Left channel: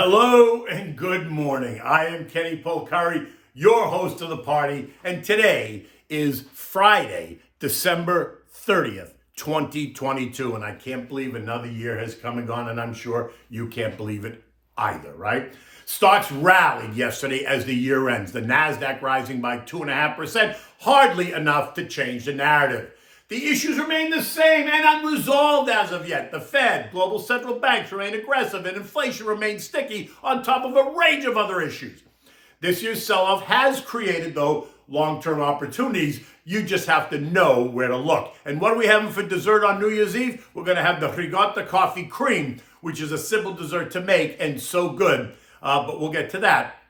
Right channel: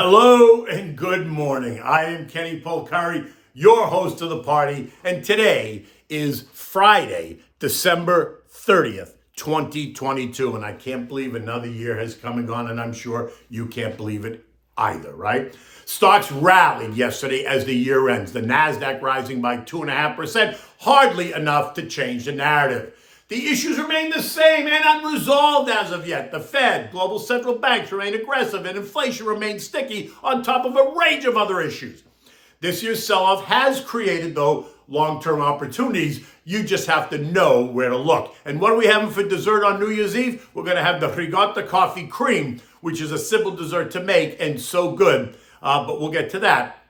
Hello and good morning. I am Kenny Polcari, your host of the party, and today is Friday, December 30th, 2022, and I can't believe another year has come and gone, and I'm sure you can't believe it either, right? Stocks rallied yesterday as the year ends, the NASDAQ rising by 2.5%, hardly enough to change the narrative. The issues remain the same and unresolved as of yet. The Fed, global central banks remain aggressive, and inflation remains sticky on top of a range of other issues. This year's sell-off has created, though, long-term opportunities. You just have to know where to look. And what are we having for dessert on New Year's Eve? We're going to have the Ricotta coffee cream, which is a simple dessert to make and so good. But we'll get to that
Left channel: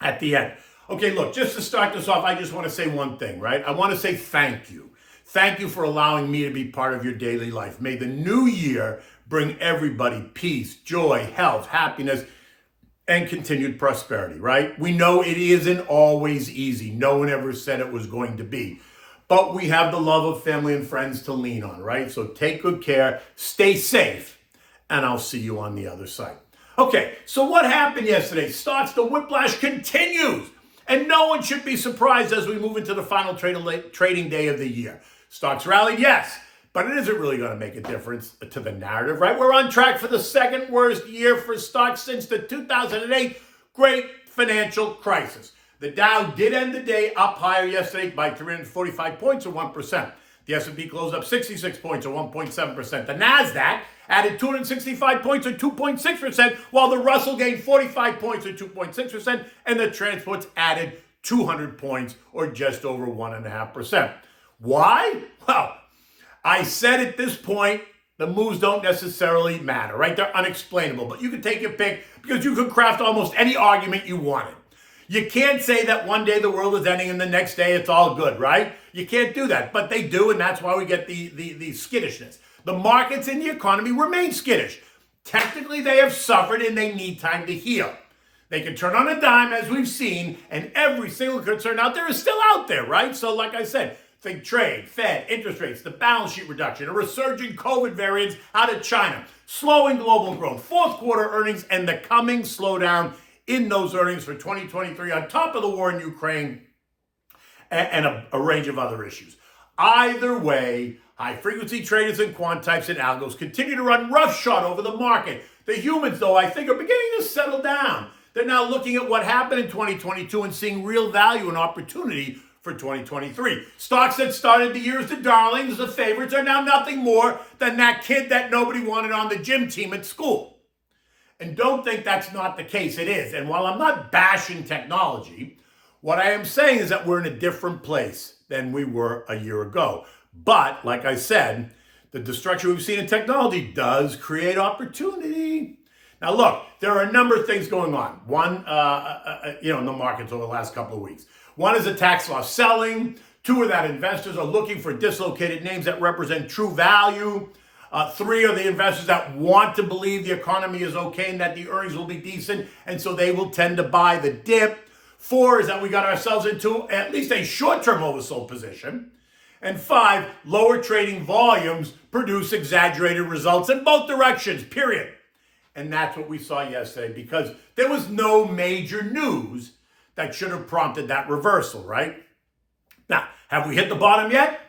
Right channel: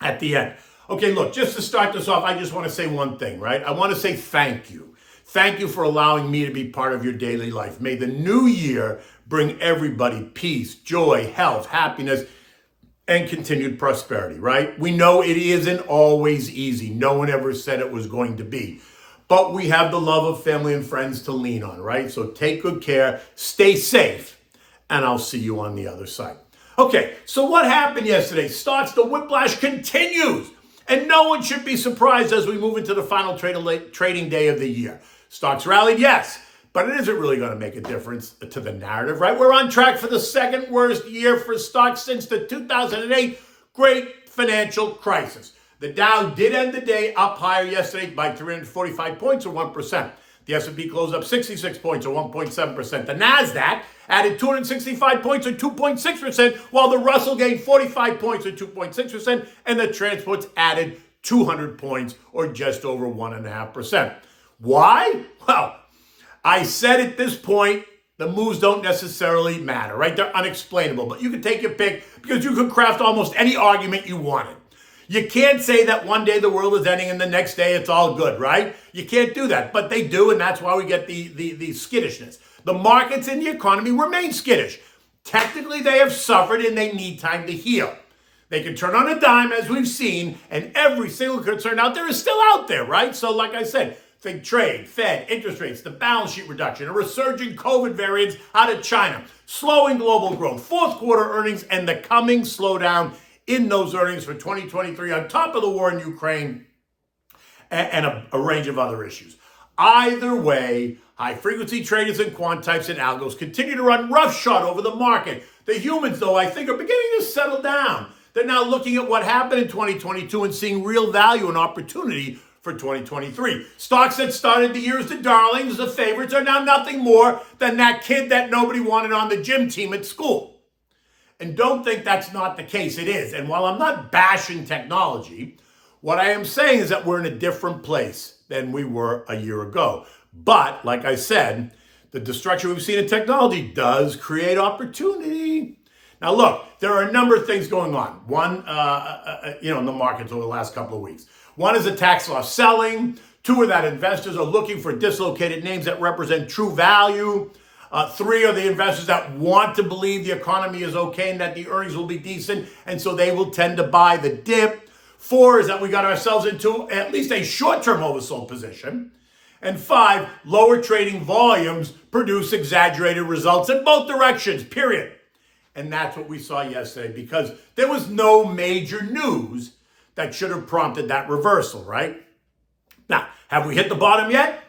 at the end. Okay, look, just to start this off, I just want to say one thing, right? I want to say thank you. Thank you for allowing me to be part of your daily life. May the new year bring everybody peace, joy, health, happiness, and continued prosperity, right? We know it isn't always easy. No one ever said it was going to be. But we have the love of family and friends to lean on, right? So take good care, stay safe, and I'll see you on the other side. Okay, so what happened yesterday? The whiplash continues. And no one should be surprised as we move into the final trading day of the year. Stocks rallied, yes, but it isn't really going to make a difference to the narrative, right? We're on track for the second worst year for stocks since the 2008 great financial crisis. The Dow did end the day up higher yesterday by 345 points or 1%. The S&P closed up 66 points or 1.7%. The NASDAQ added 265 points or 2.6%, while the Russell gained 45 points or 2.6%, and the transports added 200 points or just over 1.5%. Why? Well, I said at this point, the moves don't necessarily matter, right? They're unexplainable, but you can take your pick because you can craft almost any argument you wanted. You can't say that one day the world is ending and the next day it's all good, right? You can't do that, but they do, and that's why we get the skittishness. The markets and the economy remain skittish. Technically, they have suffered and they need time to heal. They can turn on a dime, as we've seen, and every single concern out there is still out there, right? So like I said, think trade, Fed, interest rates, the balance sheet reduction, a resurging COVID variants out of China, slowing global growth, fourth quarter earnings, and the coming slowdown in those earnings for 2023 on top of the war in Ukraine and a range of other issues. Either way, high-frequency traders and quant types and algos continue to run roughshod over the market. The humans, though, I think are beginning to settle down. They're now looking at what happened in 2022 and seeing real value and opportunity for 2023. Stocks that started the year as the darlings, the favorites, are now nothing more than that kid that nobody wanted on the gym team at school. And don't think that's not the case. It is. And while I'm not bashing technology, what I am saying is that we're in a different place than we were a year ago. But, like I said, the destruction we've seen in technology does create opportunity. Now, look, there are a number of things going on. One, in the markets over the last couple of weeks. One is a tax loss selling. Two are that investors are looking for dislocated names that represent true value. Three are the investors that want to believe the economy is okay and that the earnings will be decent, and so they will tend to buy the dip. Four is that we got ourselves into at least a short-term oversold position. And five, lower trading volumes produce exaggerated results in both directions, period. And that's what we saw yesterday because there was no major news that should have prompted that reversal, right? Now, have we hit the bottom yet?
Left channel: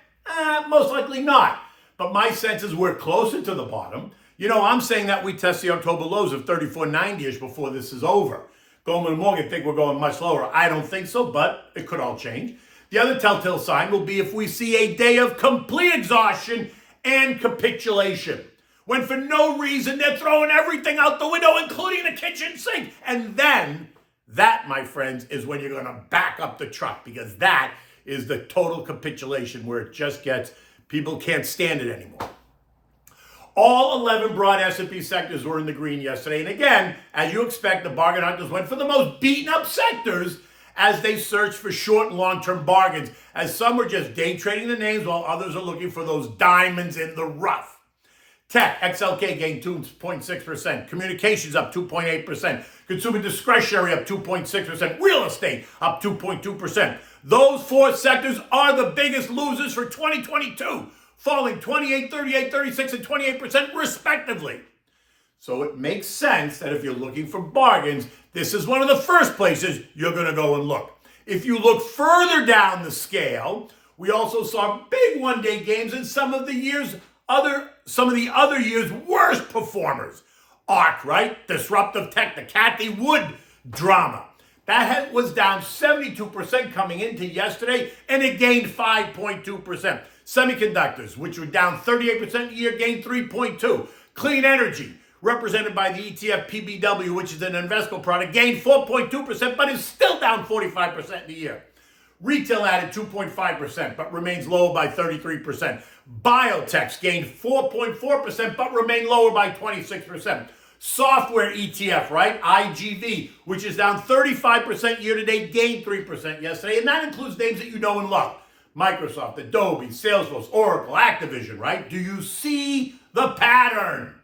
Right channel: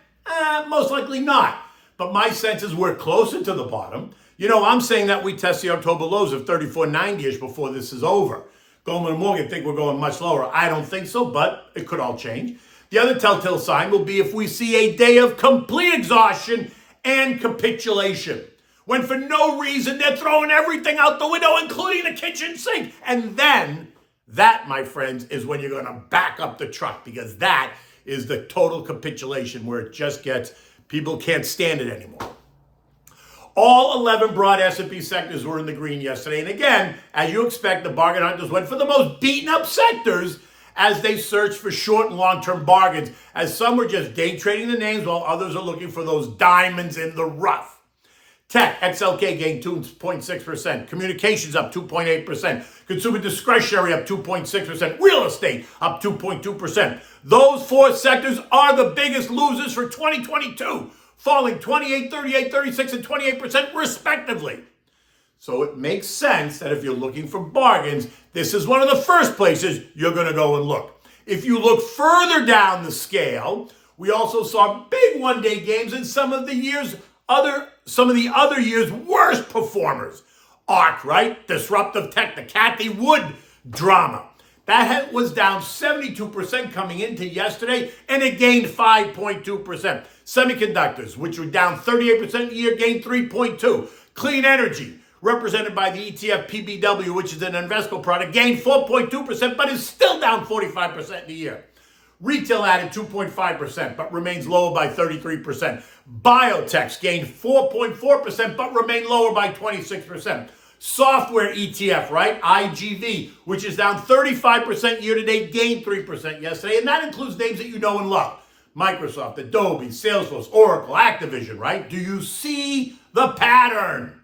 Most likely not. But my sense is we're closer to the bottom. I'm saying that we test the October lows of 34.90-ish before this is over. Goldman and Morgan think we're going much lower. I don't think so, but it could all change. The other telltale sign will be if we see a day of complete exhaustion and capitulation, when for no reason they're throwing everything out the window, including the kitchen sink. And then that, my friends, is when you're going to back up the truck, because that is the total capitulation where it just gets, people can't stand it anymore. All 11 broad S&P sectors were in the green yesterday. And again, as you expect, the bargain hunters went for the most beaten up sectors as they searched for short and long-term bargains, as some were just day trading the names while others are looking for those diamonds in the rough. Tech, XLK gained 2.6%. Communications up 2.8%. Consumer discretionary up 2.6%. Real estate up 2.2%. Those four sectors are the biggest losers for 2022, falling 28, 38, 36, and 28% respectively. So it makes sense that if you're looking for bargains, this is one of the first places you're going to go and look. If you look further down the scale, we also saw big one-day games in some of the other years' worst performers. ARC, right? Disruptive Tech, the Cathy Wood drama. That was down 72% coming into yesterday, and it gained 5.2%. Semiconductors, which were down 38% a year, gained 3.2%. Clean energy, represented by the ETF PBW, which is an Invesco product, gained 4.2%, but is still down 45% in the year. Retail added 2.5%, but remains lower by 33%. Biotechs gained 4.4%, but remain lower by 26%. Software ETF, right? IGV, which is down 35% year-to-date, gained 3% yesterday, and that includes names that you know and love. Microsoft, Adobe, Salesforce, Oracle, Activision, right? Do you see the pattern?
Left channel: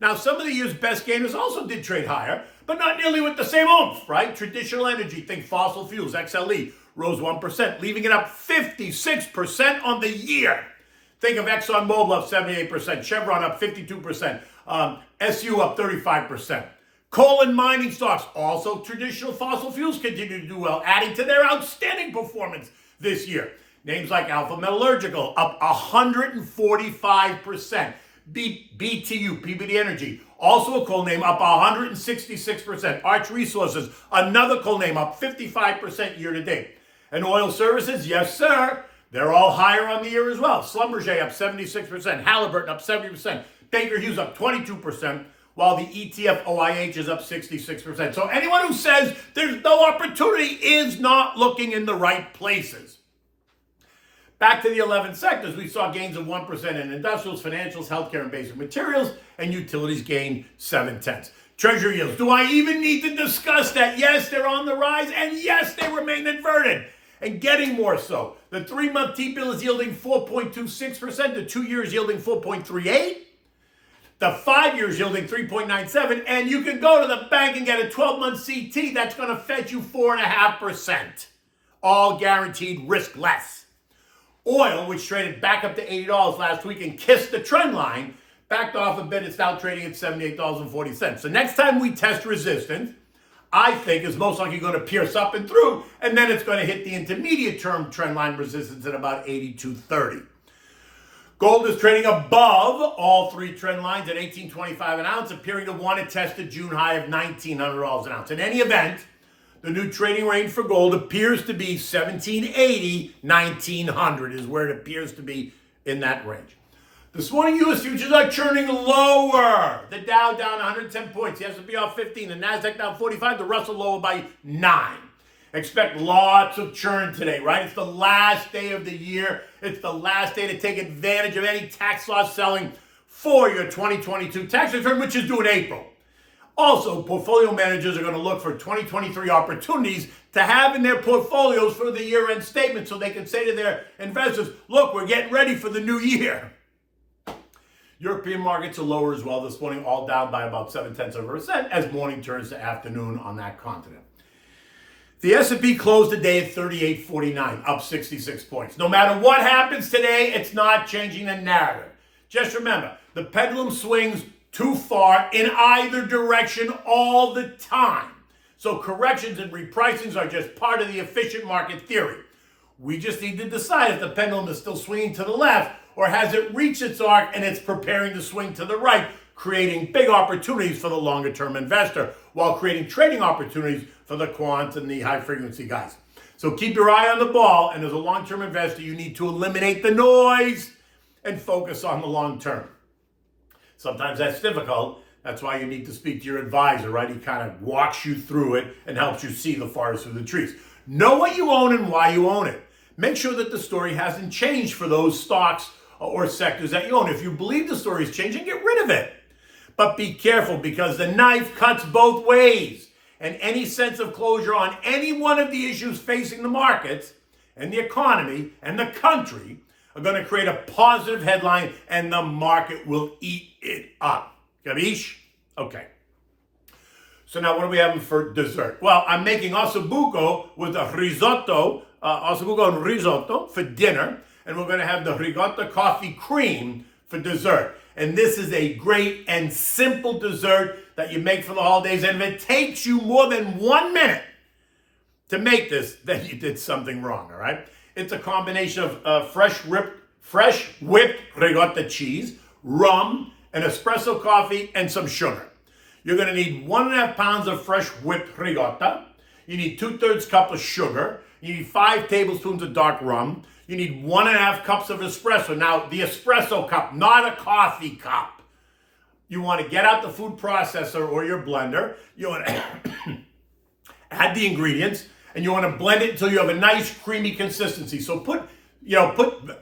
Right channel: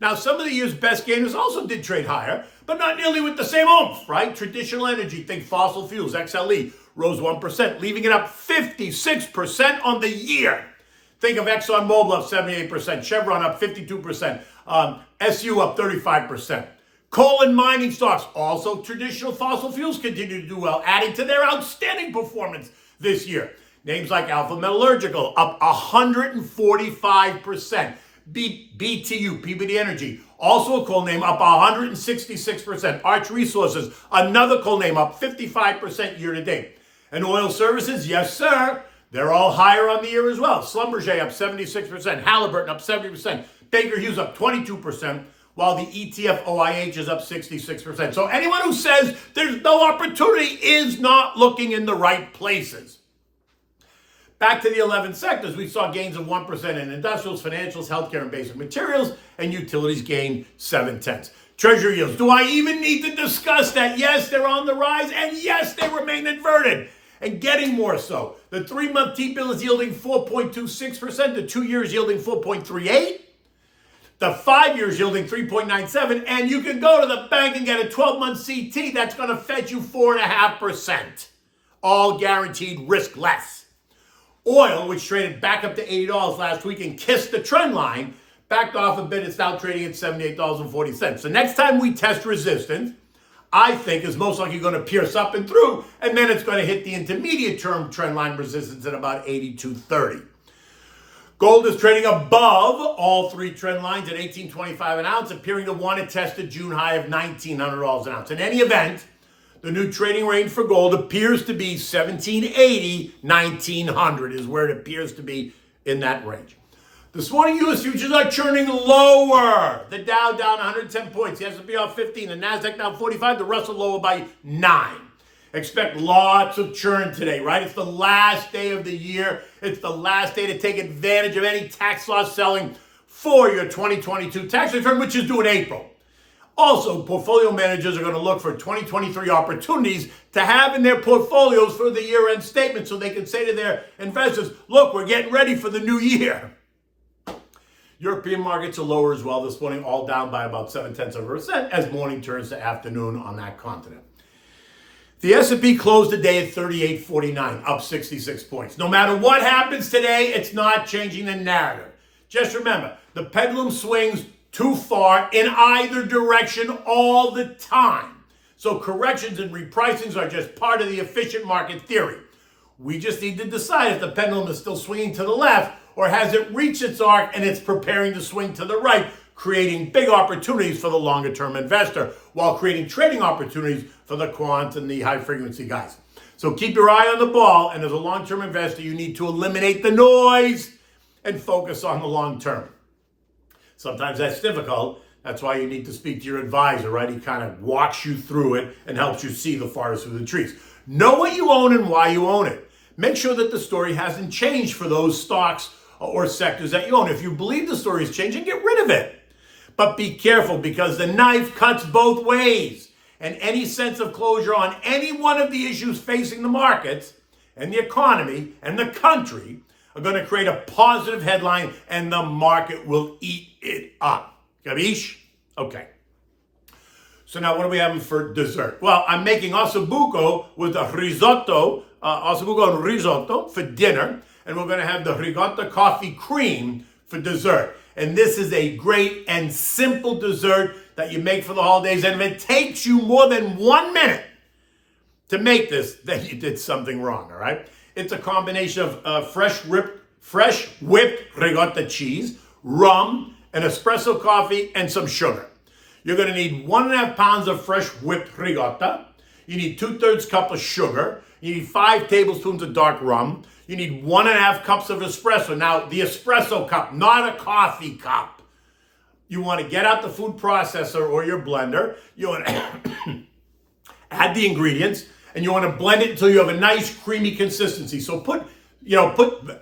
Now, some of the year's best gainers also did trade higher, but not nearly with the same oomph, right? Traditional energy, think fossil fuels, XLE, rose 1%, leaving it up 56% on the year. Think of ExxonMobil up 78%, Chevron up 52%, SU up 35%. Coal and mining stocks, also traditional fossil fuels, continue to do well, adding to their outstanding performance this year. Names like Alpha Metallurgical up 145%. BTU, PBD Energy, also a coal name, up 166%. Arch Resources, another coal name, up 55% year to date. And oil services, yes, sir, they're all higher on the year as well. Schlumberger up 76%, Halliburton up 70%, Baker Hughes up 22%, while the ETF OIH is up 66%. So anyone who says there's no opportunity is not looking in the right places. Back to the 11 sectors, we saw gains of 1% in industrials, financials, healthcare, and basic materials, and utilities gained 0.7. Treasury yields, do I even need to discuss that? Yes, they're on the rise, and yes, they remain inverted, and getting more so. The 3-month T-bill is yielding 4.26%, the 2 years yielding 4.38%, the 5 years yielding 3.97%, and you can go to the bank and get a 12-month CT that's going to fetch you 4.5%, all guaranteed risk-less. Oil, which traded back up to $80 last week and kissed the trend line, backed off a bit. It's now trading at $78.40. So next time we test resistance, I think is most likely going to pierce up and through, and then it's going to hit the intermediate term trend line resistance at about 82.30. Gold is trading above all three trend lines at $18.25 an ounce, appearing to want to test a June high of $1,900 an ounce. In any event, the new trading range for gold appears to be $1,780-$1,900 is where it appears to be in that range. This morning, U.S. futures are churning lower. The Dow down 110 points. The S&P off 15. The Nasdaq down 45. The Russell lower by 9. Expect lots of churn today, right? It's the last day of the year. It's the last day to take advantage of any tax loss selling for your 2022 tax return, which is due in April. Also, portfolio managers are going to look for 2023 opportunities to have in their portfolios for the year-end statement so they can say to their investors, look, we're getting ready for the new year. European markets are lower as well this morning, all down by about 0.7% as morning turns to afternoon on that continent. The S&P closed the day at 3849, up 66 points. No matter what happens today, it's not changing the narrative. Just remember, the pendulum swings too far in either direction all the time. So corrections and repricings are just part of the efficient market theory. We just need to decide if the pendulum is still swinging to the left or has it reached its arc and it's preparing to swing to the right, creating big opportunities for the longer-term investor while creating trading opportunities for the quant and the high-frequency guys. So keep your eye on the ball, and as a long-term investor, you need to eliminate the noise and focus on the long term. Sometimes that's difficult. That's why you need to speak to your advisor, right? He kind of walks you through it and helps you see the forest through the trees. Know what you own and why you own it. Make sure that the story hasn't changed for those stocks or sectors that you own. If you believe the story is changing, get rid of it. But be careful because the knife cuts both ways. And any sense of closure on any one of the issues facing the markets and the economy and the country are going to create a positive headline and the market will eat it up. Capiche? Okay. So now what are we having for dessert? Well, I'm making ossobuco with a risotto, ossobuco and risotto for dinner. And we're going to have the Ricotta coffee cream for dessert. And this is a great and simple dessert that you make for the holidays. And if it takes you more than 1 minute to make this, then you did something wrong, all right? It's a combination of fresh whipped ricotta cheese, rum, an espresso coffee, and some sugar. You're gonna need 1.5 pounds of fresh whipped ricotta. You need 2/3 cup of sugar. You need 5 tablespoons of dark rum. You need 1.5 cups of espresso. Now, the espresso cup, not a coffee cup. You want to get out the food processor or your blender. You want to add the ingredients, and you want to blend it until you have a nice creamy consistency. So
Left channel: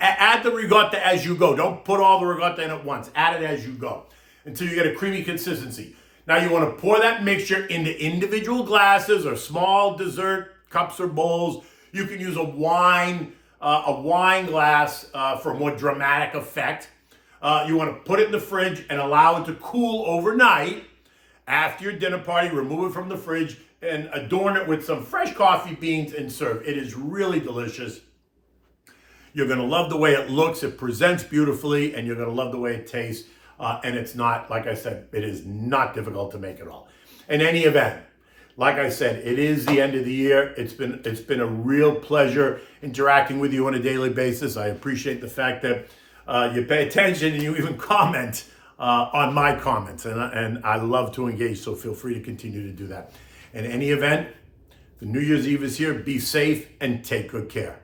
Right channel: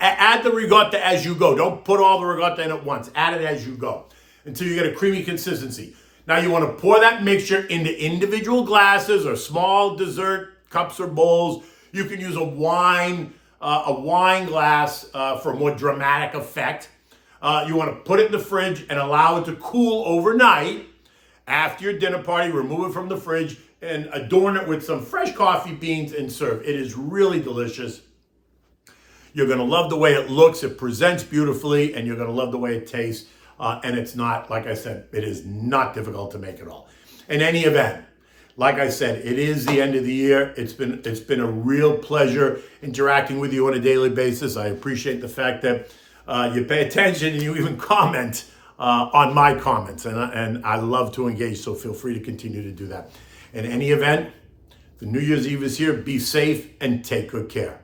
add the ricotta as you go. Don't put all the ricotta in at once. Add it as you go until you get a creamy consistency. Now you want to pour that mixture into individual glasses or small dessert cups or bowls. You can use a wine glass for a more dramatic effect. You want to put it in the fridge and allow it to cool overnight. After your dinner party, remove it from the fridge and adorn it with some fresh coffee beans and serve. It is really delicious. You're going to love the way it looks. It presents beautifully, and you're going to love the way it tastes. And it's not, like I said, it is not difficult to make at all. In any event, like I said, it is the end of the year. It's been a real pleasure interacting with you on a daily basis. I appreciate the fact that you pay attention and you even comment on my comments. And I love to engage, so feel free to continue to do that. In any event, the New Year's Eve is here. Be safe and take good care.